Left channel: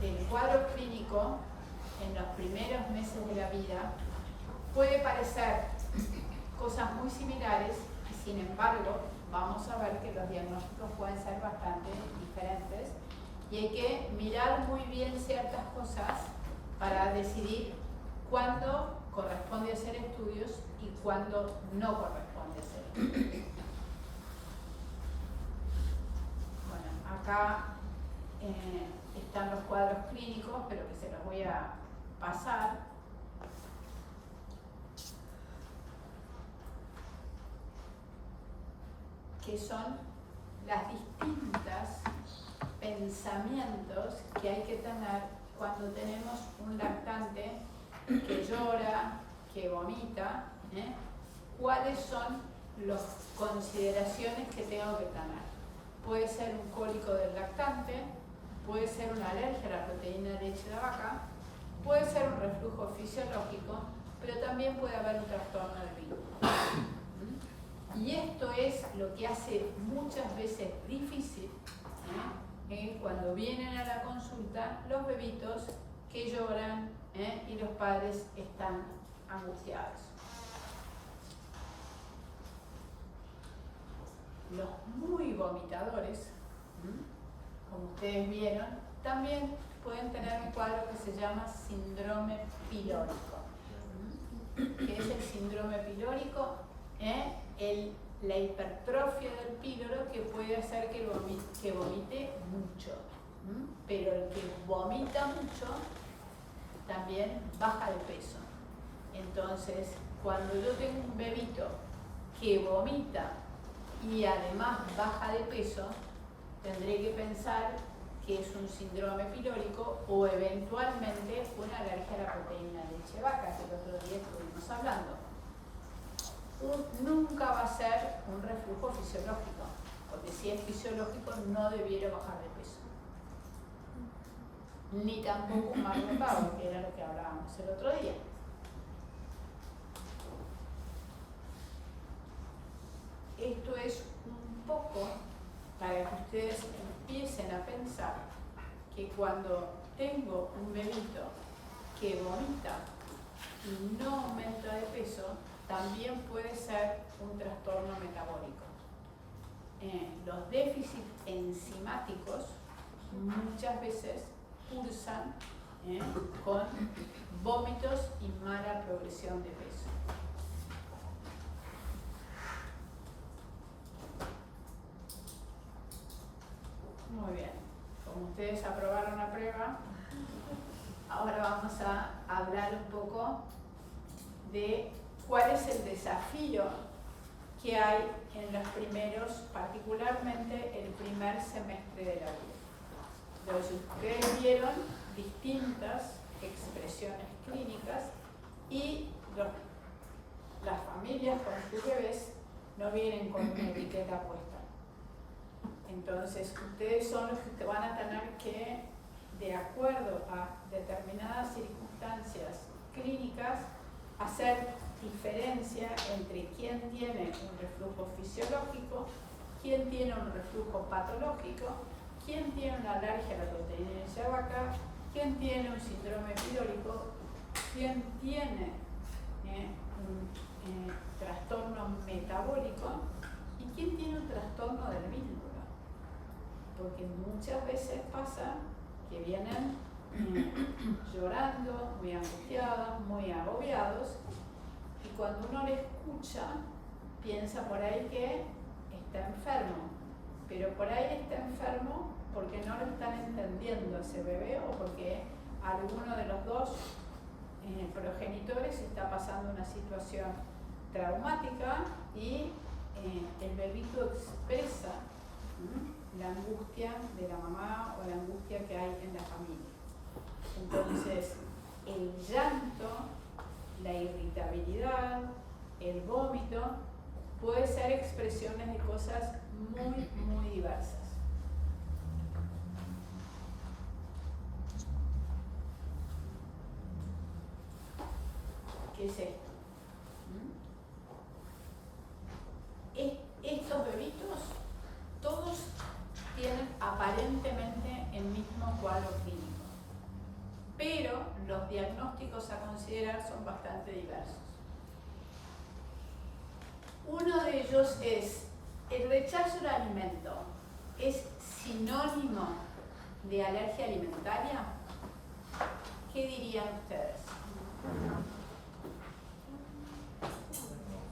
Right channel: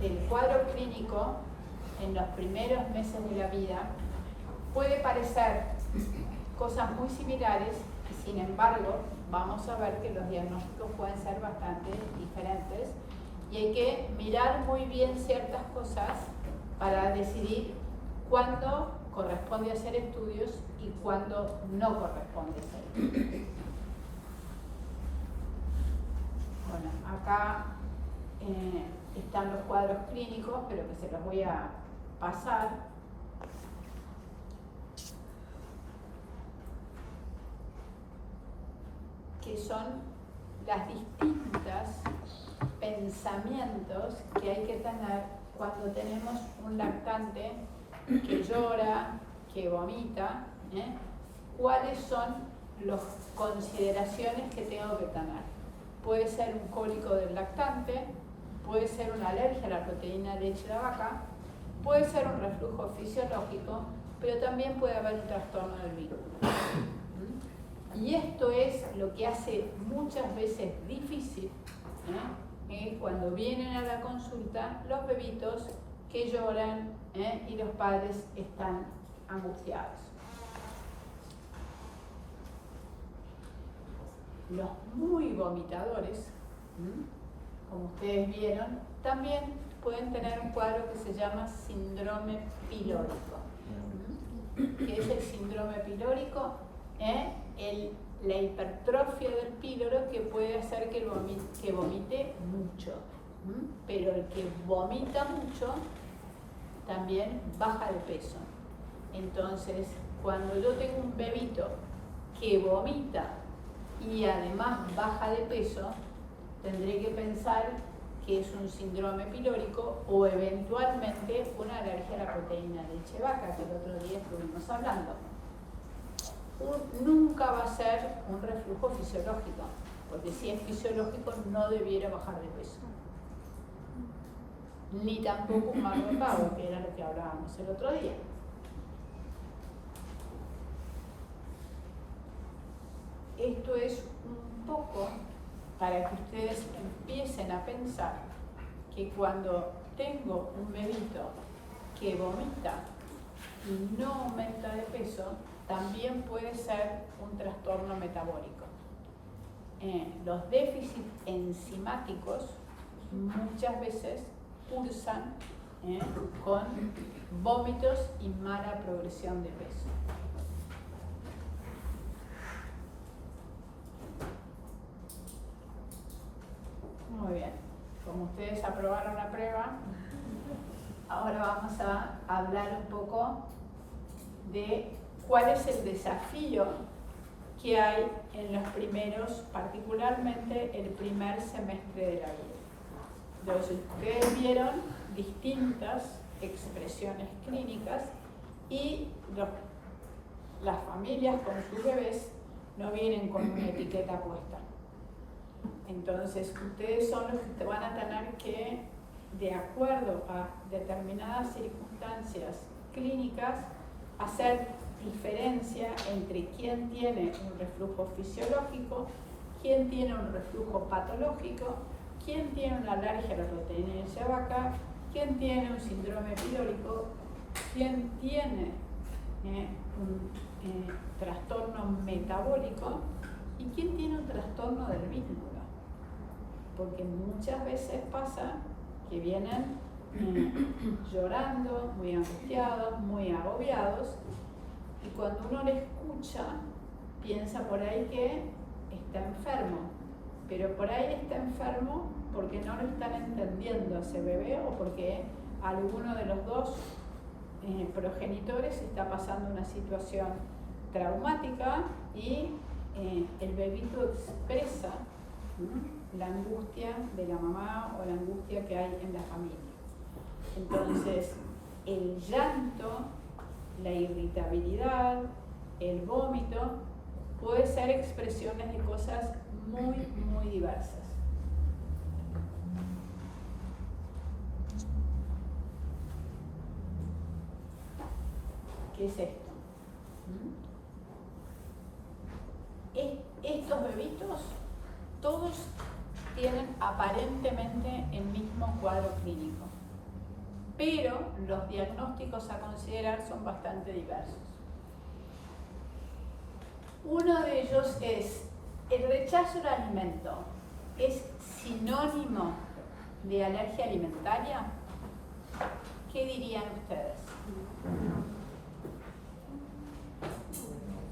del cuadro clínico en los primeros meses de la vida puede parecer cosas muy similares y sin embargo vamos a ver que los diagnósticos pueden ser bastante diferentes y hay que mirar muy bien ciertas cosas para decidir cuándo corresponde hacer estudios y cuándo no corresponde hacer estudios. Bueno, acá están los cuadros clínicos, pero que se los voy a pasar. Que son las distintas pensamientos que hay que tener cuando tenemos un lactante que llora, que vomita, ¿cuáles son las consideraciones que tengo que tener? Puede ser un cólico del lactante, puede ser una alergia a la proteína de leche de vaca, puede ser un reflujo fisiológico, pero también puede haber un trastorno del vínculo. Y esto es lo que hace muchas veces difícil, cuando vienen a la consulta los bebitos que lloran y los padres están angustiados. Los muy vomitadores, como ustedes vieron, también pueden tener un cuadro que se llama síndrome pilórico. ¿Qué es el síndrome pilórico? La hipertrofia del píloro que puede hacer que vomite mucho. Pero el que vomita mucho también baja de peso. Entonces, cuando yo tengo un bebito que vomita y además baja de peso, tendré que pensar que es un síndrome pilórico o eventualmente una alergia a la proteína de leche de vaca, que el otro día estuvimos hablando. Nunca va a ser un reflujo fisiológico, porque si es fisiológico no debiera bajar de peso. Ni tampoco un Marlon Bauer, que era lo que hablábamos el otro día. Esto es un poco para que ustedes empiecen a pensar que cuando tengo un bebito que vomita y no aumenta de peso, también puede ser un trastorno metabólico. Los déficits enzimáticos muchas veces cursan con vómitos y mala progresión de peso. Muy bien, como ustedes aprobaron la prueba, ahora vamos a hablar un poco de cuál es el desafío que hay en los primeros, particularmente el primer semestre de la vida. Entonces, ustedes vieron distintas expresiones clínicas y las familias con sus bebés no vienen con una etiqueta puesta. Entonces, ustedes son los que van a tener que, de acuerdo a determinadas circunstancias clínicas, hacer diferencia entre quién tiene un reflujo fisiológico, quién tiene un reflujo patológico, quién tiene una alergia a la proteína de leche de vaca, quién tiene un síndrome pilórico, quién tiene un trastorno metabólico y quién tiene un trastorno del vínculo. Porque muchas veces pasa que vienen llorando, muy angustiados, muy agobiados, y cuando uno le escucha, piensa por ahí que está enfermo, pero por ahí está enfermo porque no lo están entendiendo a ese bebé o porque alguno de los dos progenitores está pasando una situación traumática y el bebito expresa la angustia de la mamá o la angustia que hay en la familia. Entonces, el llanto, la irritabilidad, el vómito, puede ser expresiones de cosas muy, muy diversas. ¿Qué es esto? Estos bebitos, todos tienen aparentemente el mismo cuadro clínico, pero los diagnósticos a considerar son bastante diversos. Uno de ellos es: ¿el rechazo al alimento es sinónimo de alergia alimentaria? ¿Qué dirían ustedes?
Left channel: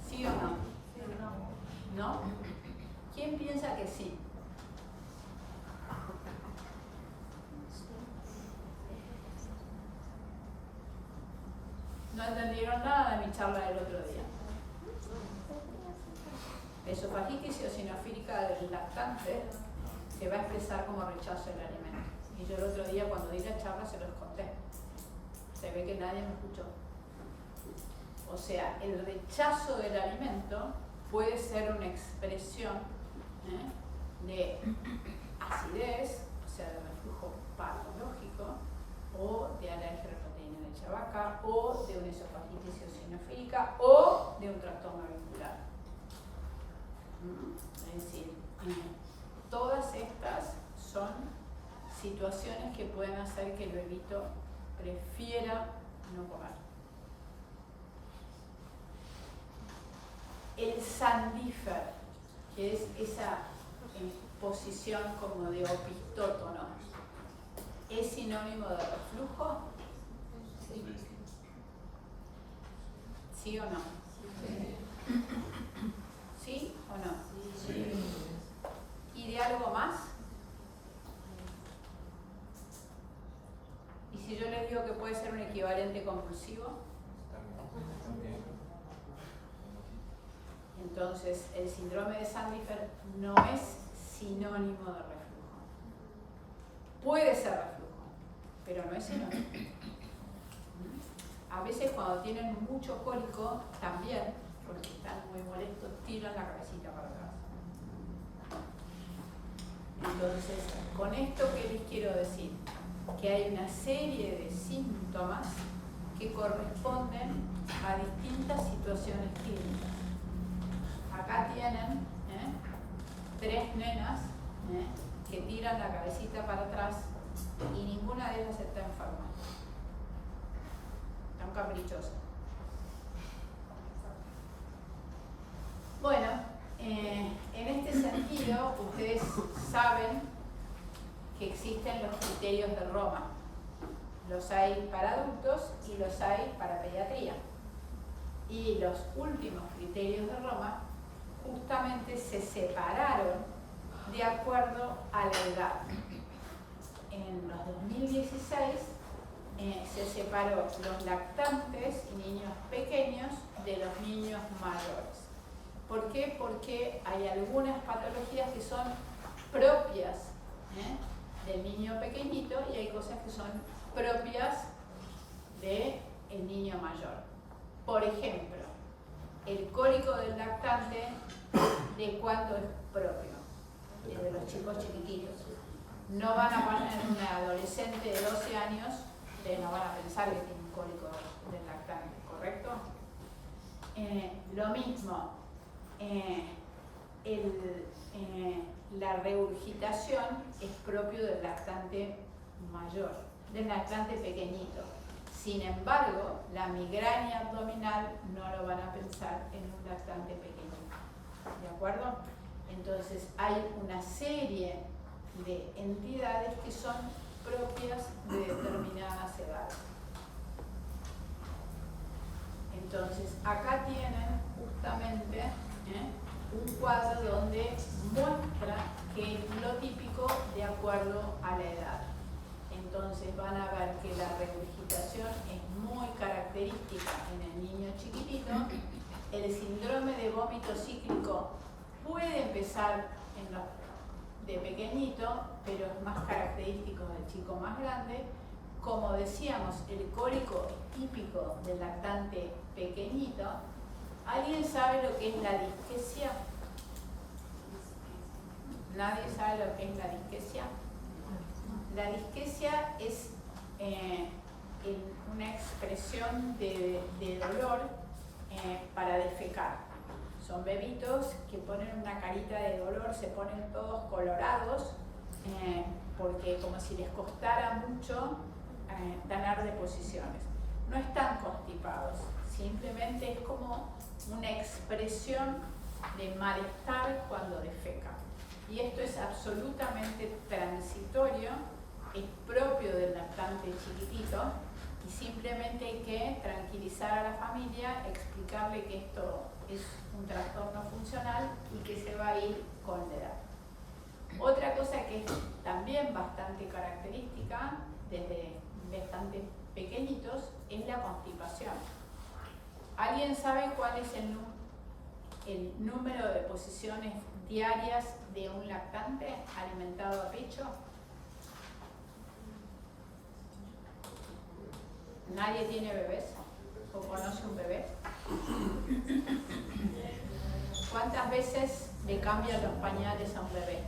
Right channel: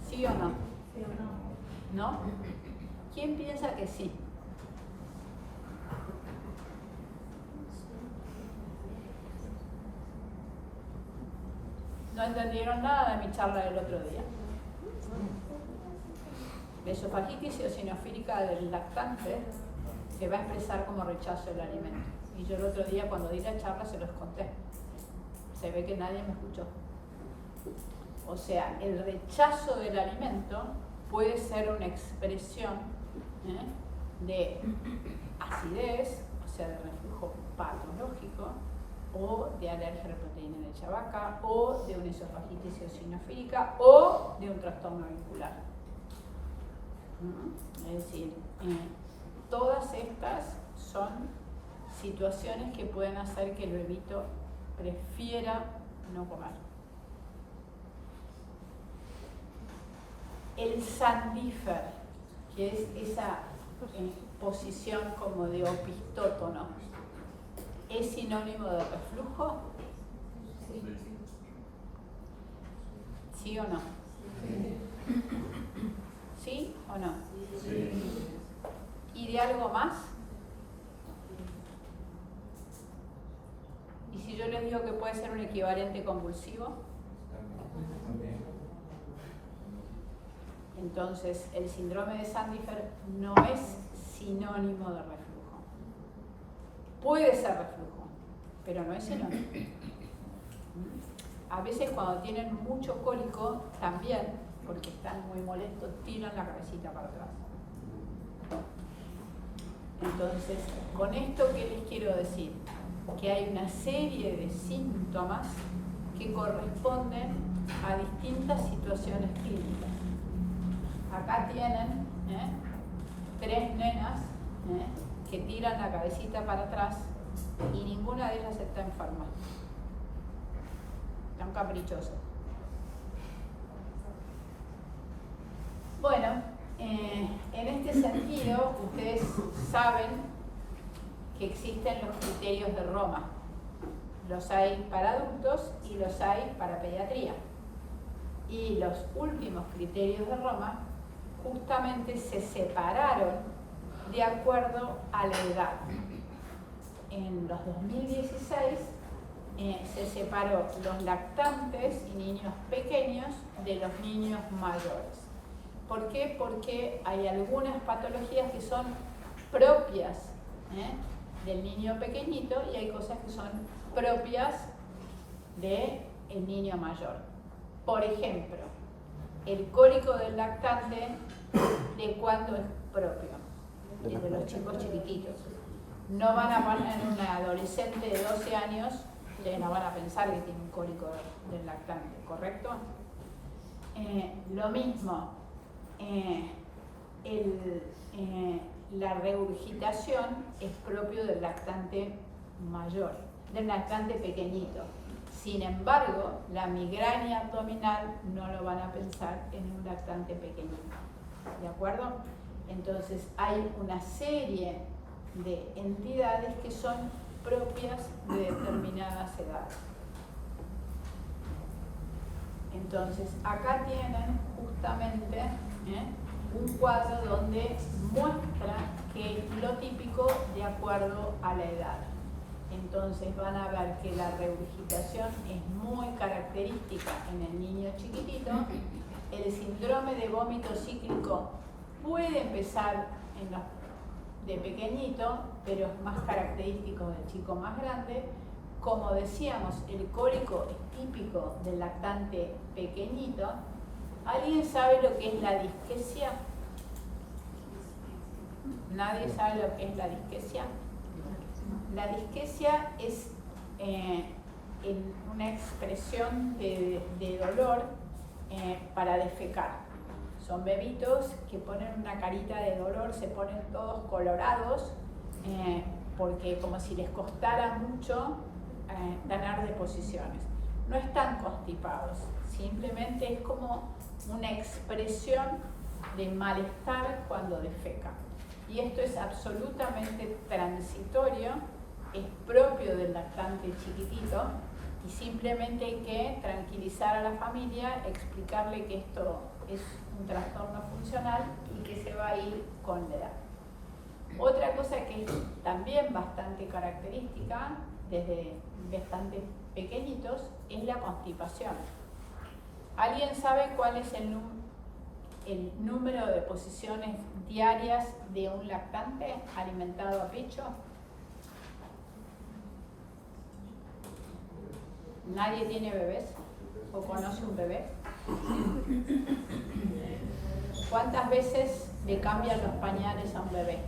¿Sí o no? Sí o no. ¿No? ¿Quién piensa que sí? No entendieron nada de mi charla del otro día. La esofagitis eosinofílica del lactante se va a expresar como rechazo al alimento. Y yo el otro día, cuando di la charla, se los conté. Se ve que nadie me escuchó. O sea, el rechazo del alimento puede ser una expresión de acidez, o sea, de reflujo patológico, o de alergia a la proteína de leche de vaca, o de una esofagitis eosinofílica, o de un trastorno auricular. Es decir, todas estas son situaciones que pueden hacer que el bebito prefiera no comer. El sandífer, que es esa posición como de opistótono, ¿es sinónimo de reflujo? Sí. ¿Sí o no? Sí. ¿Sí o no? Sí. ¿Y de algo más? ¿Y si yo les digo que puede ser un equivalente convulsivo? Entonces, el síndrome de Sandífer no es sinónimo de reflujo. Puede ser reflujo, pero no es sinónimo. A veces cuando tienen mucho cólico, también, porque están muy molestos, tiran la cabecita para atrás. Entonces, con esto, ¿qué les quiero decir? Que hay una serie de síntomas que corresponden a distintas situaciones clínicas. Acá tienen 3 nenas que tiran la cabecita para atrás y ninguna de ellas está enferma. Están caprichosas. Bueno, en este sentido, ustedes saben que existen los criterios de Roma. Los hay para adultos y los hay para pediatría. Y los últimos criterios de Roma justamente se separaron de acuerdo a la edad. En los 2016 se separó los lactantes y niños pequeños de los niños mayores. ¿Por qué? Porque hay algunas patologías que son propias del niño pequeñito y hay cosas que son propias del niño mayor. Por ejemplo, el cólico del lactante, ¿de cuándo es propio? De los chicos chiquititos. No van a poner en una adolescente de 12 años, ustedes no van a pensar que tiene un cólico del lactante, ¿correcto? Lo mismo, la regurgitación es propio del lactante mayor, del lactante pequeñito. Sin embargo, la migraña abdominal no lo van a pensar en un lactante pequeñito. ¿De acuerdo? Entonces, hay una serie de entidades que son propias de determinadas edades. Entonces, acá tienen justamente un cuadro donde muestra que es lo típico de acuerdo a la edad. Entonces van a ver que la regurgitación es muy característica en el niño chiquitito. El síndrome de vómito cíclico puede empezar de pequeñito, pero es más característico del chico más grande. Como decíamos, el cólico es típico del lactante pequeñito. ¿Alguien sabe lo que es la disquesia? ¿Nadie sabe lo que es la disquesia? La disquesia es una expresión de dolor para defecar. Son bebitos que ponen una carita de dolor, se ponen todos colorados porque como si les costara mucho ganar deposiciones. No están constipados, simplemente es como una expresión de malestar cuando defecan. Y esto es absolutamente transitorio, es propio del lactante chiquitito, y simplemente hay que tranquilizar a la familia, explicarle que esto es un trastorno funcional y que se va a ir con la edad. Otra cosa que es también bastante característica desde bastante pequeñitos es la constipación. ¿Alguien sabe cuál es el número de deposiciones diarias de un lactante alimentado a pecho? ¿Nadie tiene bebés? ¿O conoce un bebé? ¿Cuántas veces le cambian los pañales a un bebé?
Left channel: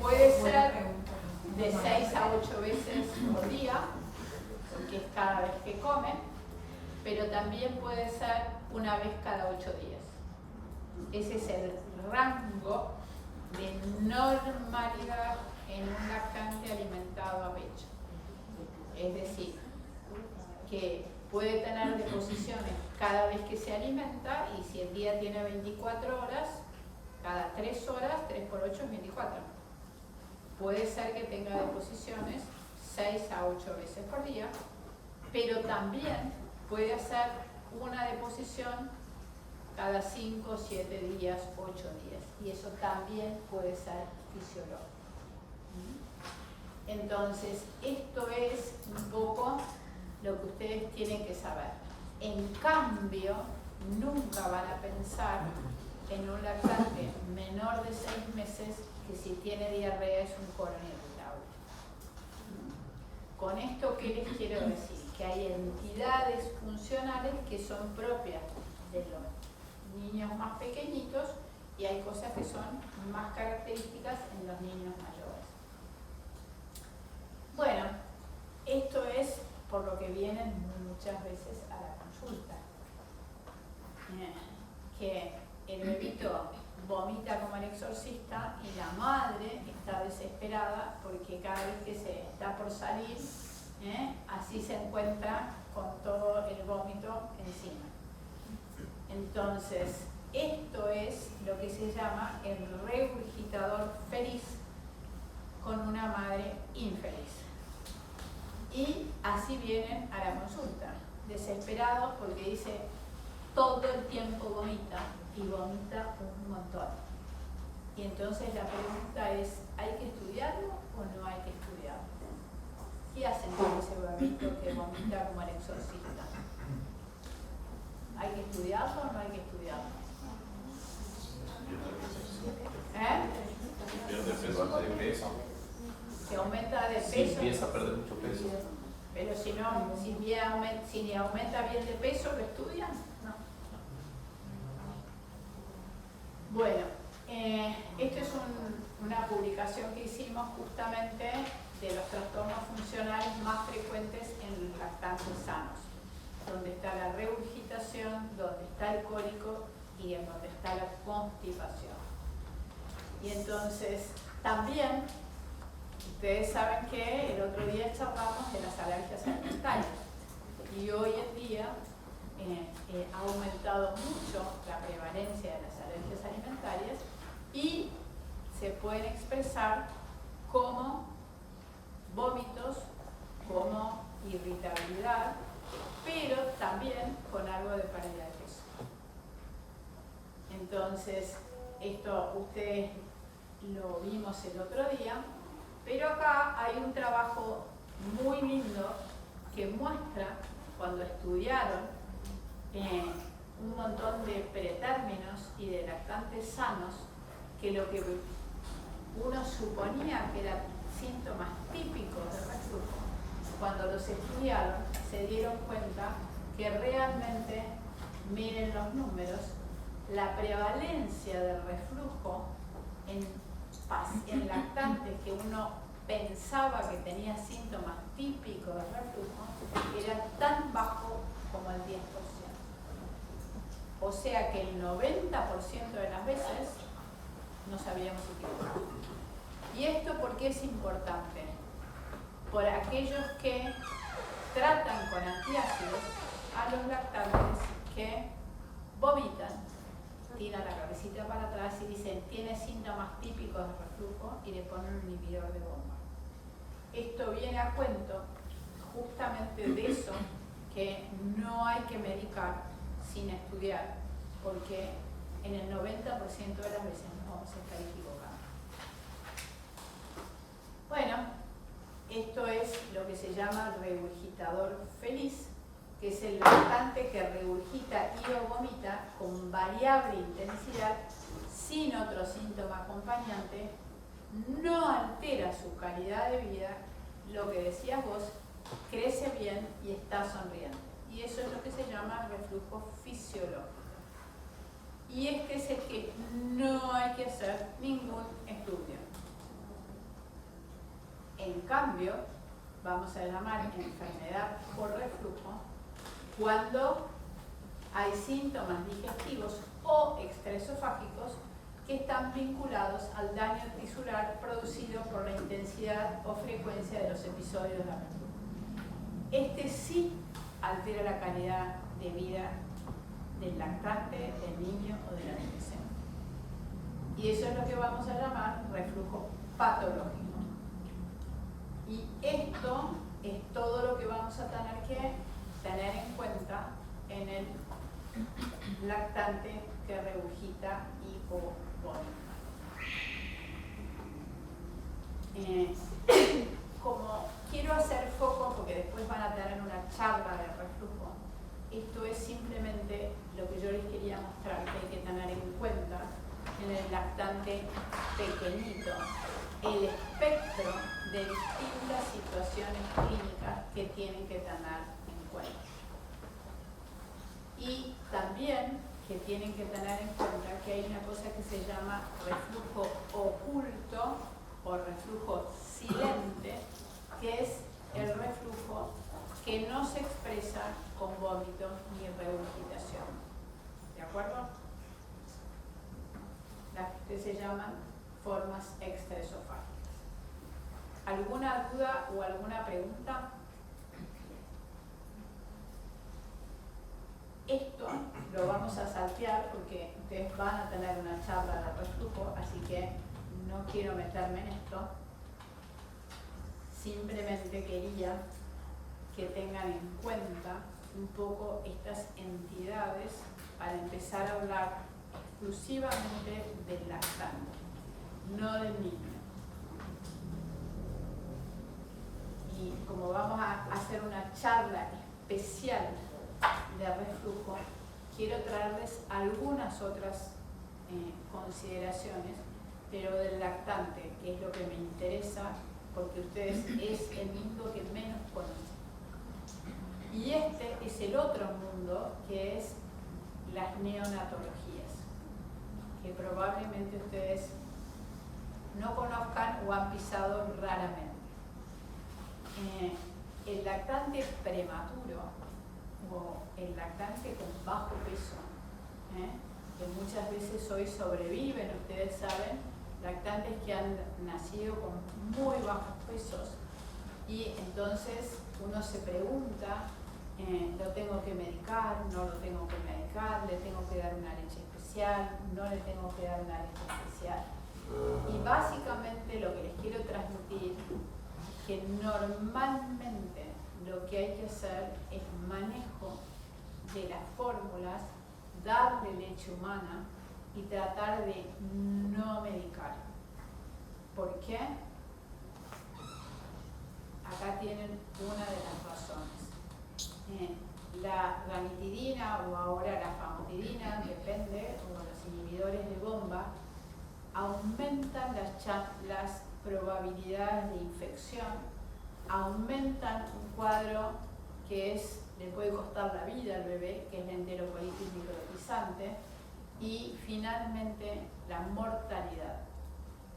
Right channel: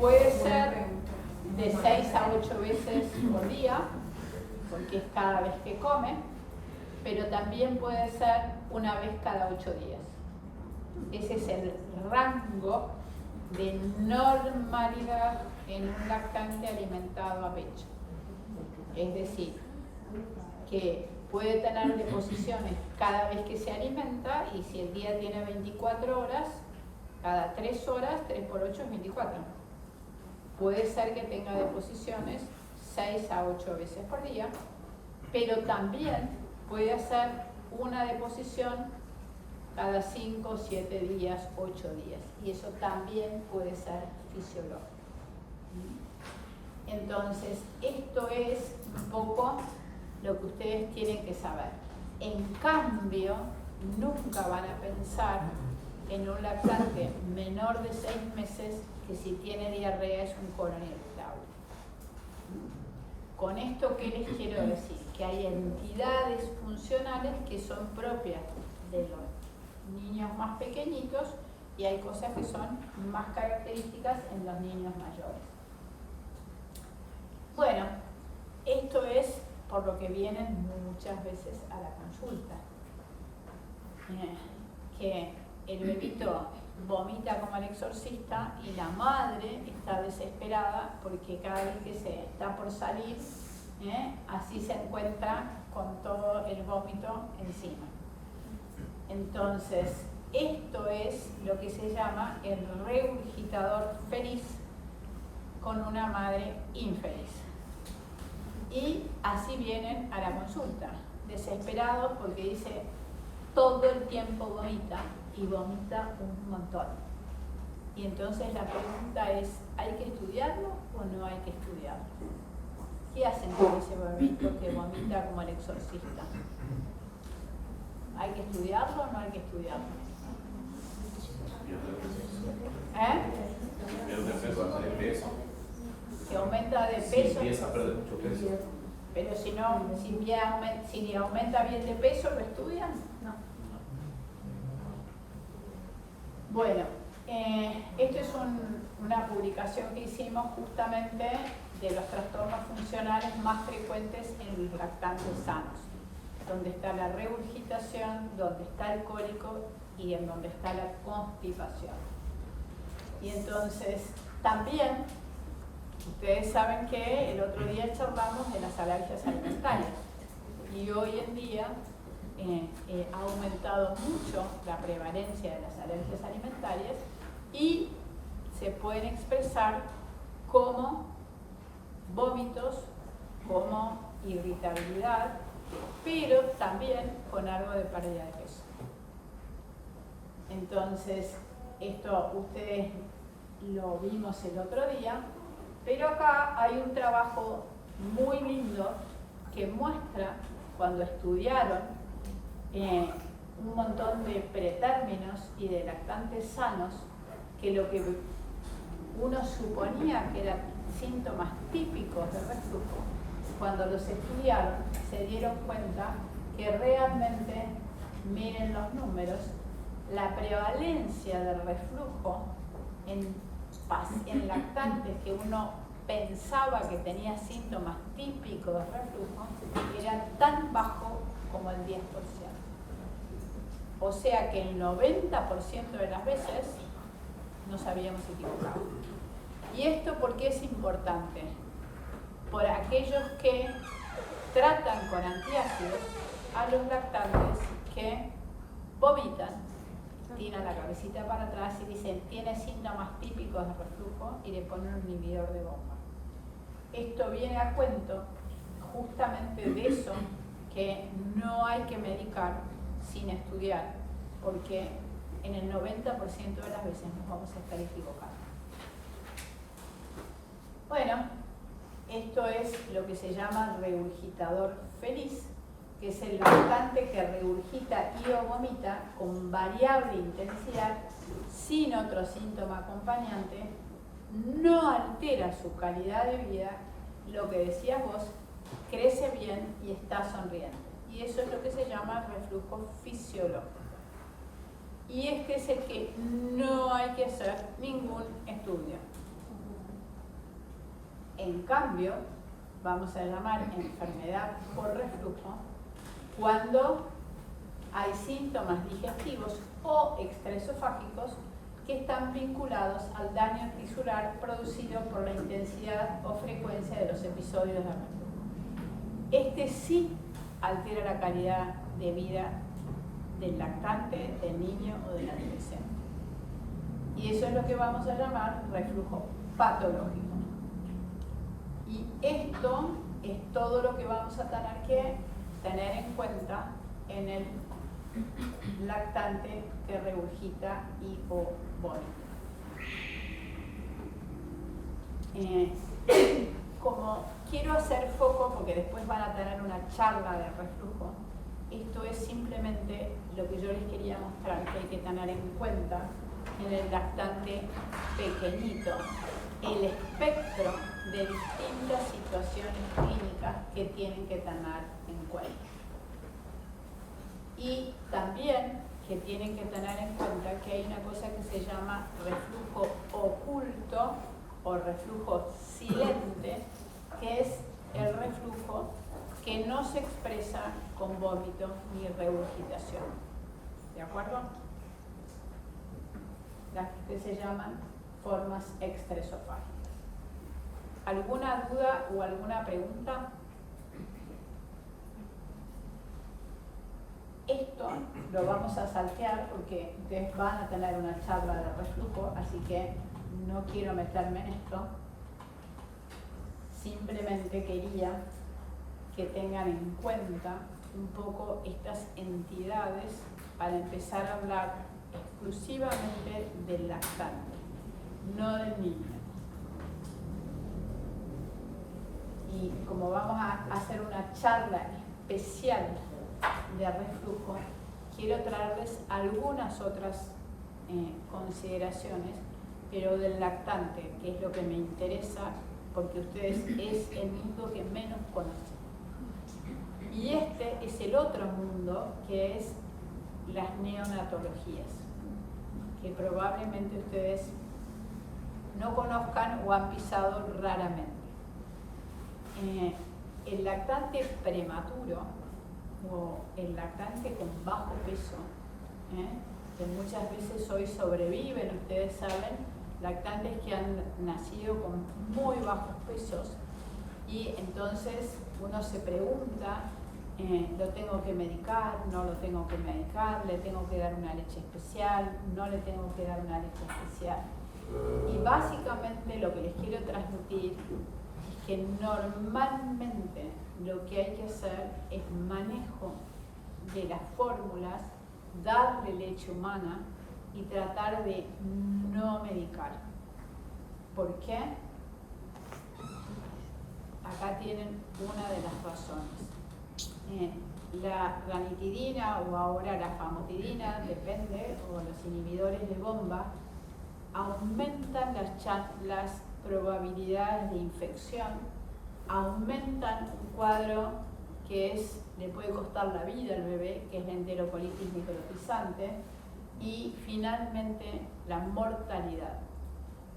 Puede ser de 6 a 8 veces por día, porque es cada vez que come, pero también puede ser una vez cada 8 días. Ese es el rango de normalidad en un lactante alimentado a pecho. Es decir, que puede tener deposiciones cada vez que se alimenta, y si el día tiene 24 horas, cada 3 horas, 3 por 8 es 24. Puede ser que tenga deposiciones 6 a 8 veces por día, pero también puede hacer una deposición cada 5, 7 días, 8 días. Y eso también puede ser fisiológico. Entonces, esto es un poco lo que ustedes tienen que saber. En cambio, nunca van a pensar en un lactante menor de 6 meses que si tiene diarrea es un colon irritable. Con esto, ¿qué les quiero decir? Que hay entidades funcionales que son propias de los niños más pequeñitos y hay cosas que son más características en los niños mayores. Bueno, esto es por lo que vienen muchas veces a la consulta. Que el bebito vomita como el exorcista y la madre está desesperada porque cada vez que se está por salir, así se encuentra con todo el vómito encima. Entonces, esto es lo que se llama el regurgitador feliz con una madre infeliz. Y así vienen a la consulta, desesperados porque dice, todo el tiempo vomita y vomita un montón. Y entonces la pregunta es, ¿hay que estudiarlo o no hay que estudiarlo? ¿Qué hacen con ese bebito que vomita como el exorcista? ¿Hay que estudiarlo o no hay que estudiarlo? Si aumenta de peso. Si empieza a perder mucho peso. Pero si aumenta bien de peso, ¿lo estudian? No. Bueno, esto es una publicación que hicimos justamente de los trastornos funcionales más frecuentes en los lactantes sanos, donde está la regurgitación, donde está el cólico y en donde está la constipación. Y entonces, también, ustedes saben que el otro día charlamos de las alergias alimentarias y hoy en día ha aumentado mucho la prevalencia de las alergias alimentarias y se pueden expresar como vómitos, como irritabilidad, pero también con algo de pérdida de peso. Entonces, esto ustedes lo vimos el otro día, pero acá hay un trabajo muy lindo que muestra cuando estudiaron un montón de pretérminos y de lactantes sanos, que lo que uno suponía que eran síntomas típicos del reflujo, cuando los estudiaron se dieron cuenta que realmente, miren los números, la prevalencia del reflujo en lactantes que uno pensaba que tenía síntomas típicos de reflujo era tan bajo como el 10%. O sea que el 90% de las veces nos habíamos equivocado. ¿Y esto por qué es importante? Por aquellos que tratan con antiácidos a los lactantes que vomitan, tiran la cabecita para atrás y dicen tiene síntomas típicos de reflujo y le ponen un inhibidor de bomba. Esto viene a cuento justamente de eso, que no hay que medicar sin estudiar, porque en el 90% de las veces nos vamos a estar equivocando. Bueno, esto es lo que se llama regurgitador feliz, que es el lactante que regurgita y o vomita con variable intensidad, sin otro síntoma acompañante, no altera su calidad de vida, lo que decías vos, crece bien y está sonriente. Y eso es lo que se llama reflujo fisiológico. Y este es el que no hay que hacer ningún estudio. En cambio, vamos a llamar enfermedad por reflujo cuando hay síntomas digestivos o extraesofágicos que están vinculados al daño tisular producido por la intensidad o frecuencia de los episodios de reflujo. Este sí altera la calidad de vida del lactante, del niño o del adolescente. Y eso es lo que vamos a llamar reflujo patológico. Y esto es todo lo que vamos a tener que tener en cuenta en el lactante que regurgita y o vomita. Como quiero hacer foco, porque después van a tener una charla de reflujo, esto es simplemente lo que yo les quería mostrar que hay que tener en cuenta en el lactante pequeñito, el espectro de distintas situaciones clínicas que tienen que tener en cuenta. Y también que tienen que tener en cuenta que hay una cosa que se llama reflujo oculto o reflujo silente, que es el reflujo que no se expresa con vómito ni regurgitación. ¿De acuerdo? Las que se llaman formas extraesofágicas. ¿Alguna duda o alguna pregunta? Esto lo vamos a saltear porque ustedes van a tener una charla de reflujo, así que no quiero meterme en esto. Simplemente quería que tengan en cuenta un poco estas entidades para empezar a hablar exclusivamente del lactante, no del niño. Y como vamos a hacer una charla especial de reflujo, quiero traerles algunas otras consideraciones, pero del lactante, que es lo que me interesa, porque ustedes es el mundo que menos conocen. Y este es el otro mundo, que es las neonatologías, que probablemente ustedes no conozcan o han pisado raramente. El lactante prematuro o el lactante con bajo peso, que muchas veces hoy sobreviven, ustedes saben, lactantes que han nacido con muy bajos pesos, y entonces uno se pregunta, ¿lo tengo que medicar? ¿No lo tengo que medicar? ¿Le tengo que dar una leche especial? ¿No le tengo que dar una leche especial? Y básicamente lo que les quiero transmitir es que normalmente lo que hay que hacer es manejo de las fórmulas, darle leche humana y tratar de no medicar. ¿Por qué? Acá tienen una de las razones. La ranitidina o ahora la famotidina, depende, o los inhibidores de bomba, aumentan las probabilidades de infección, aumentan un cuadro que le puede costar la vida al bebé, que es la enterocolitis microtizante, y finalmente la mortalidad.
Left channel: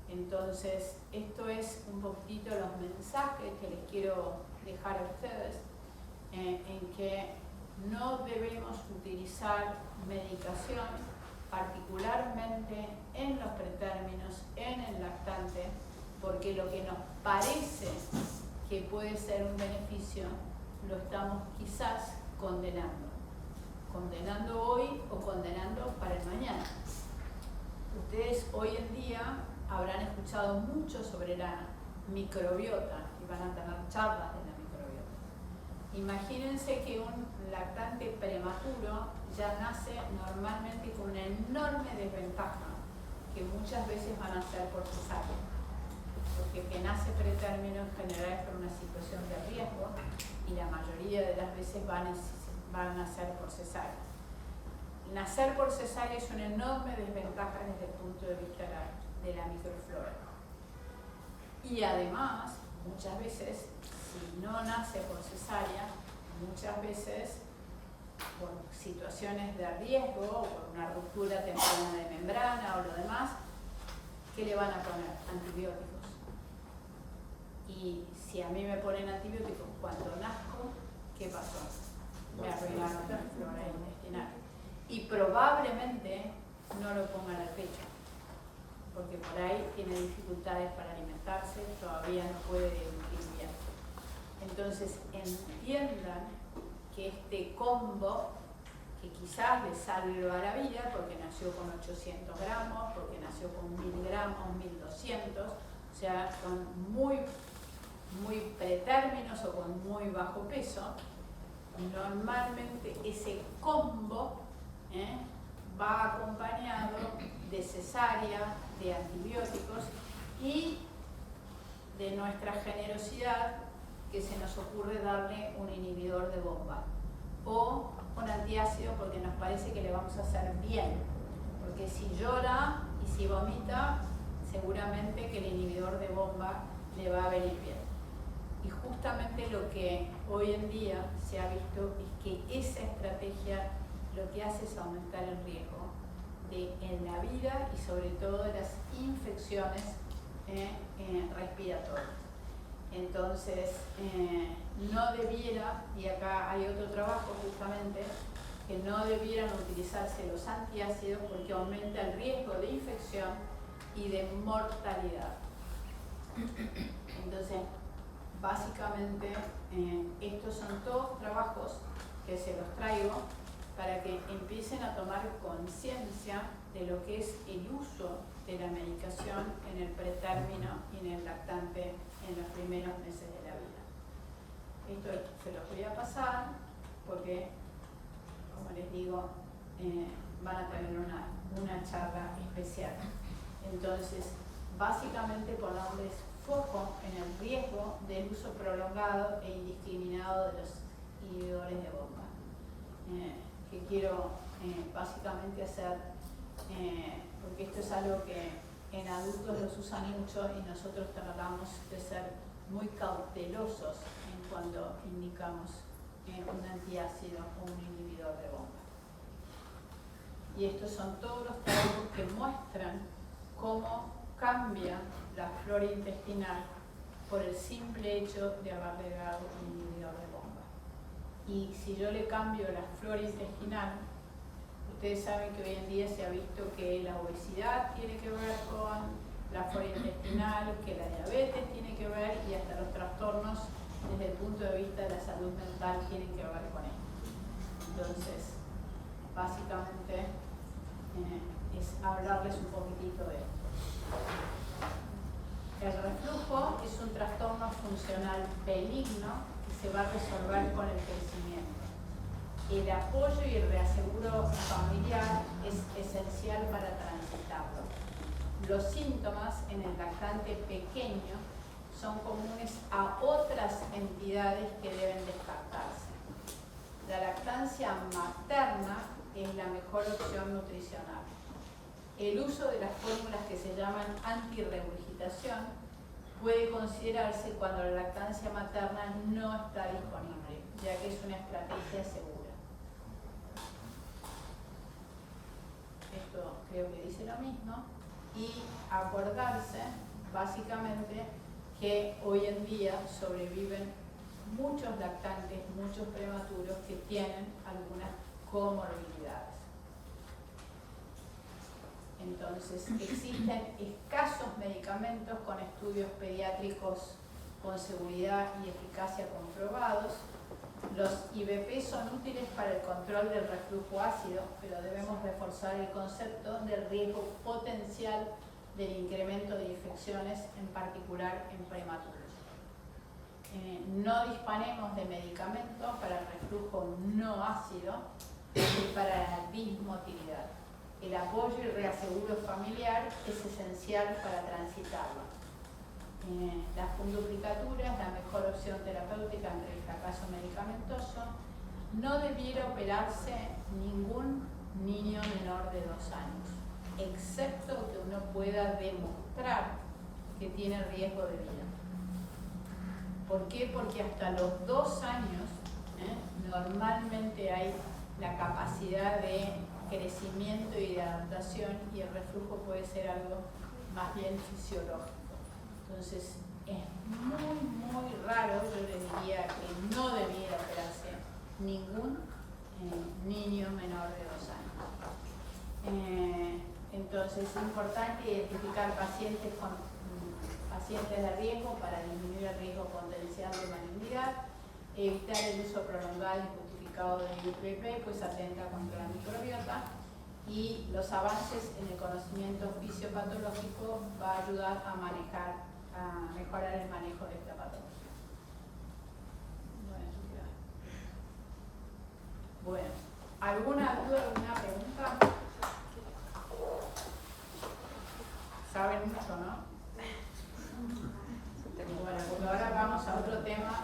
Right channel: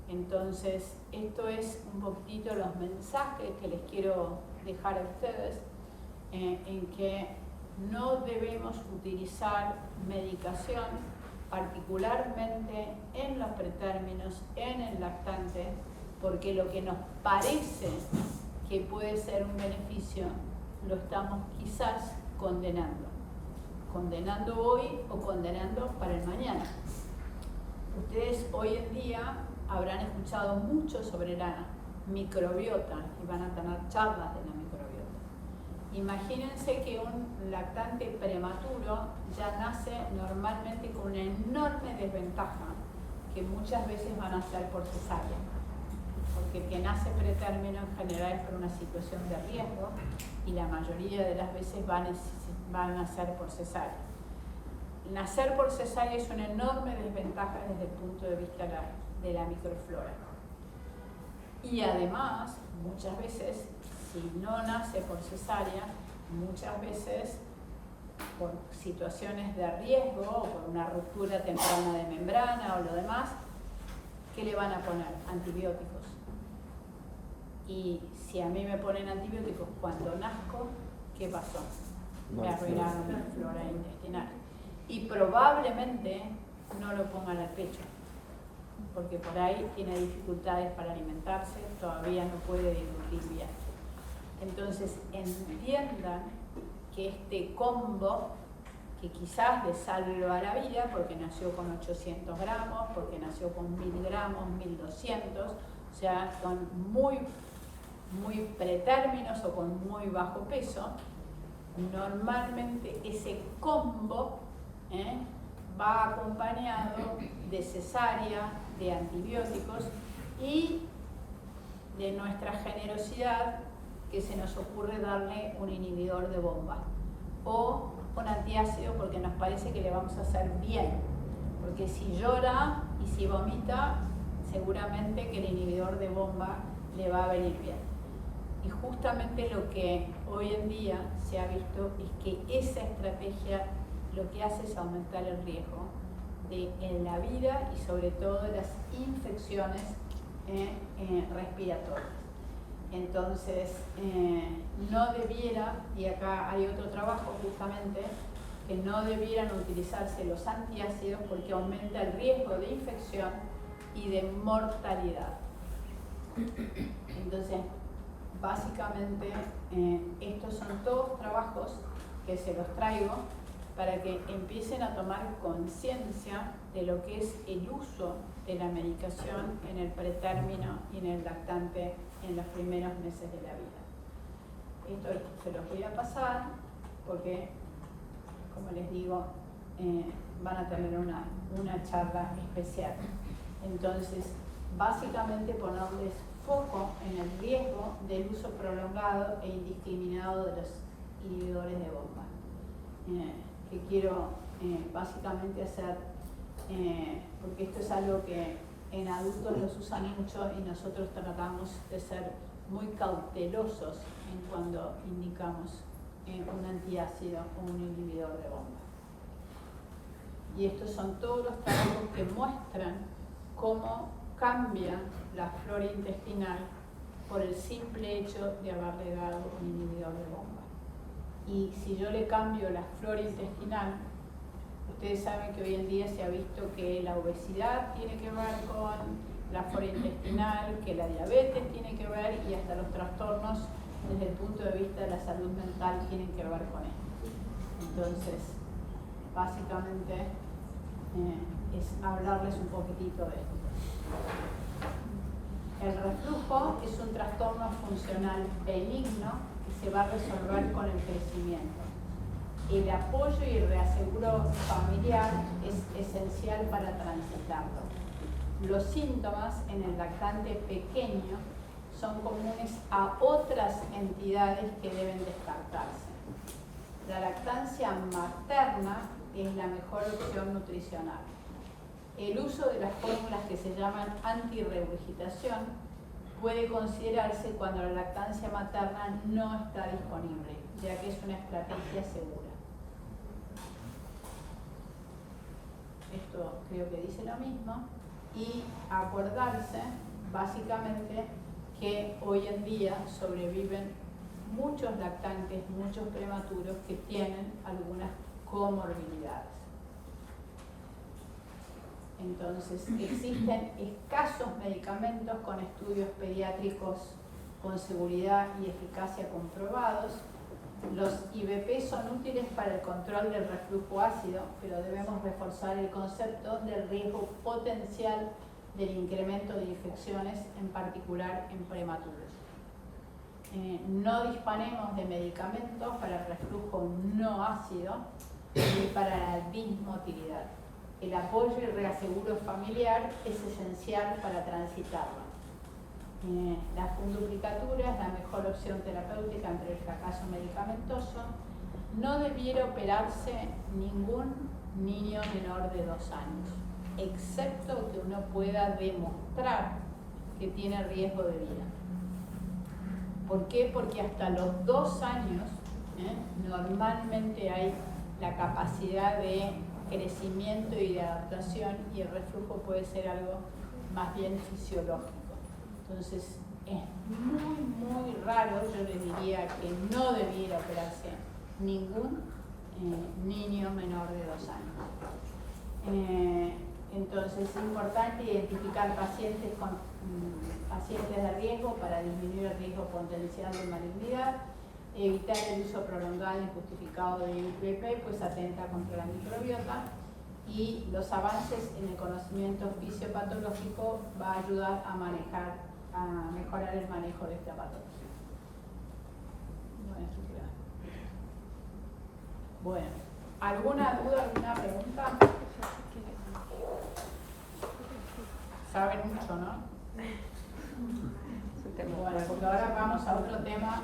Entonces, esto es un poquitito los mensajes que les quiero dejar a ustedes, en que no debemos utilizar medicación, particularmente en los pretérminos, en el lactante, porque lo que nos parece que puede ser un beneficio, lo estamos quizás condenando. Condenando hoy o condenando para el mañana. Ustedes hoy en día habrán escuchado mucho sobre la microbiota y van a tener charlas de la microbiota. Imagínense que un lactante prematuro ya nace normalmente con una enorme desventaja, que muchas veces van a ser por cesárea, porque quien nace pretérmino en general es por una situación de riesgo y la mayoría de las veces van a nacer por cesárea. Nacer por cesárea es una enorme desventaja desde el punto de vista de la microflora. Y además, muchas veces, si no nace por cesárea, muchas veces por situaciones de riesgo o por una ruptura temprana de membrana o lo demás, ¿qué le van a poner? Antibióticos. Y si a mí me ponen antibióticos cuando nazco, ¿qué pasó? Me arruinaron la flora intestinal. Y probablemente no lo pongan al pecho, porque por ahí tiene dificultades para alimentarse, todavía no puede deglutir bien. Entonces entiendan que este combo, que quizás le salva la vida porque nació con 800 gramos, porque nació con 1000 gramos, 1200, o sea, con muy pretérminos o con muy bajo peso, normalmente ese combo va acompañado de cesárea, de antibióticos y de nuestra generosidad, que se nos ocurre darle un inhibidor de bomba o un antiácido porque nos parece que le vamos a hacer bien, porque si llora y si vomita, seguramente que el inhibidor de bomba le va a venir bien. Y justamente lo que hoy en día se ha visto es que esa estrategia lo que hace es aumentar el riesgo en la vida y sobre todo de las infecciones respiratorias. Entonces, no debiera, y acá hay otro trabajo justamente, que no debieran utilizarse los antiácidos porque aumenta el riesgo de infección y de mortalidad. Entonces, básicamente, estos son todos trabajos que se los traigo para que empiecen a tomar conciencia de lo que es el uso de la medicación en el pretérmino y en el lactante en los primeros meses de la vida. Esto se los voy a pasar porque, como les digo, van a tener una charla especial. Entonces, básicamente ponerles foco en el riesgo del uso prolongado e indiscriminado de los inhibidores de bomba. Que quiero básicamente hacer, porque esto es algo que en adultos los usan mucho y nosotros tratamos de ser muy cautelosos en cuando indicamos un antiácido o un inhibidor de bomba. Y estos son todos los trabajos que muestran cómo cambia la flora intestinal por el simple hecho de haberle dado un inhibidor de bomba. Y si yo le cambio la flora intestinal, ustedes saben que hoy en día se ha visto que la obesidad tiene que ver con la flora intestinal, que la diabetes tiene que ver y hasta los trastornos desde el punto de vista de la salud mental tienen que ver con esto. Entonces, básicamente es hablarles un poquitito de esto. El reflujo es un trastorno funcional benigno que se va a resolver con el crecimiento. El apoyo y el reaseguro familiar es esencial para transitarlo. Los síntomas en el lactante pequeño son comunes a otras entidades que deben descartarse. La lactancia materna es la mejor opción nutricional. El uso de las fórmulas que se llaman antirregurgitación puede considerarse cuando la lactancia materna no está disponible, ya que es una estrategia segura. Esto creo que dice lo mismo. Y acordarse, básicamente, que hoy en día sobreviven muchos lactantes, muchos prematuros que tienen algunas comorbilidades. Entonces, existen escasos medicamentos con estudios pediátricos con seguridad y eficacia comprobados. Los IVP son útiles para el control del reflujo ácido, pero debemos reforzar el concepto del riesgo potencial del incremento de infecciones, en particular en prematuros. No disponemos de medicamentos para el reflujo no ácido ni para la bismotilidad. El apoyo y reaseguro familiar es esencial para transitarlo. La funduplicatura es la mejor opción terapéutica ante el fracaso medicamentoso. No debiera operarse ningún niño menor de 2 años, excepto que uno pueda demostrar que tiene riesgo de vida. ¿Por qué? Porque hasta los 2 años normalmente hay la capacidad de crecimiento y de adaptación, y el reflujo puede ser algo más bien fisiológico. Entonces es muy raro, yo le diría que no debiera operarse ningún niño menor de 2 años. Entonces es importante identificar pacientes de riesgo para disminuir el riesgo potencial de malignidad, evitar el uso prolongado e injustificado de IVP, pues atenta contra la microbiota, y los avances en el conocimiento fisiopatológico va a ayudar a mejorar el manejo de esta patología. Bueno, ¿alguna duda, alguna pregunta? Saben mucho, ¿no? Bueno, porque ahora vamos a otro tema